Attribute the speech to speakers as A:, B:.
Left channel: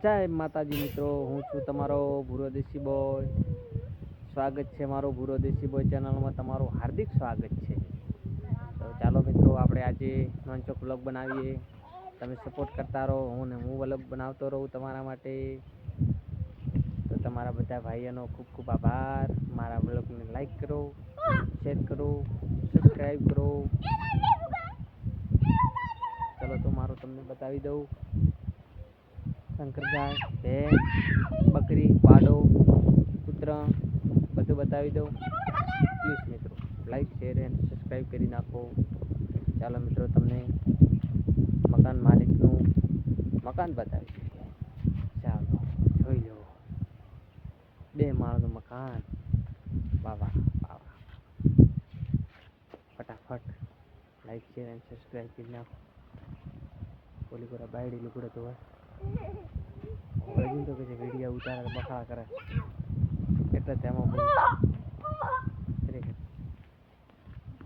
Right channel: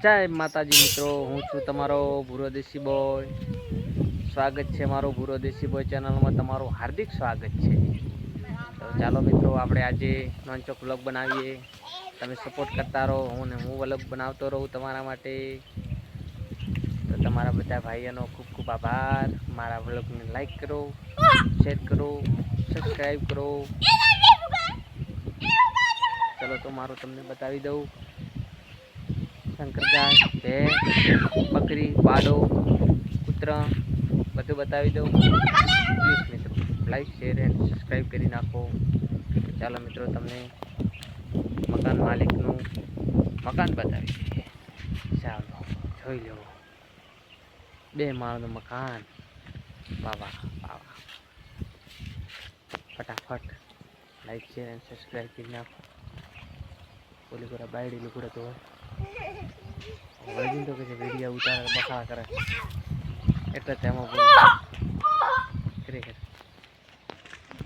A: જય માતાજી મિત્રો, હું છું તમારો ભૂરો દેશી બોય સ્વાગત છે મારો ભૂરો દેશી બોય ચેનલમાં તમારું હાર્દિક સ્વાગત છે. તો ચાલો મિત્રો, આપણે આજે નોનચોક વ્લોગ બનાવીએ. તમે સપોર્ટ કરતા રહો, હું ને હું વ્લોગ બનાવતો રહું તમારા માટે. તો તમારા બધા ભાઈઓનો ખૂબ ખૂબ આભાર. મારા વ્લોગને લાઈક કરો શેર કરો સબસ્ક્રાઈબ કરો. ચલો, તો મારું તમને બતાવી દઉં. શંકર ગાય ભેંસ, બકરી પાડો કૂતરા, બધું બતાવી દઉં. પ્લીઝ મિત્રો લાઈક શેર એન્ડ સબસ્ક્રાઈબ કરી નાખો. ચાલો મિત્રો, તમને મકાન માલિકનું મકાન બતાવી દઈએ. ચાલો, જોઈ લો. બે માળનું મકાન. બાવા વાહ ફટાફટ લાઈક શેર એન્ડ સબસ્ક્રાઈબ કરી નાખો. ઓલી કોરા બાયડી લુકડે તો હોય વજીન તો કે છે વીડિયો ઉતારે બખા કરે. એટલે તેમાં ખરેખર.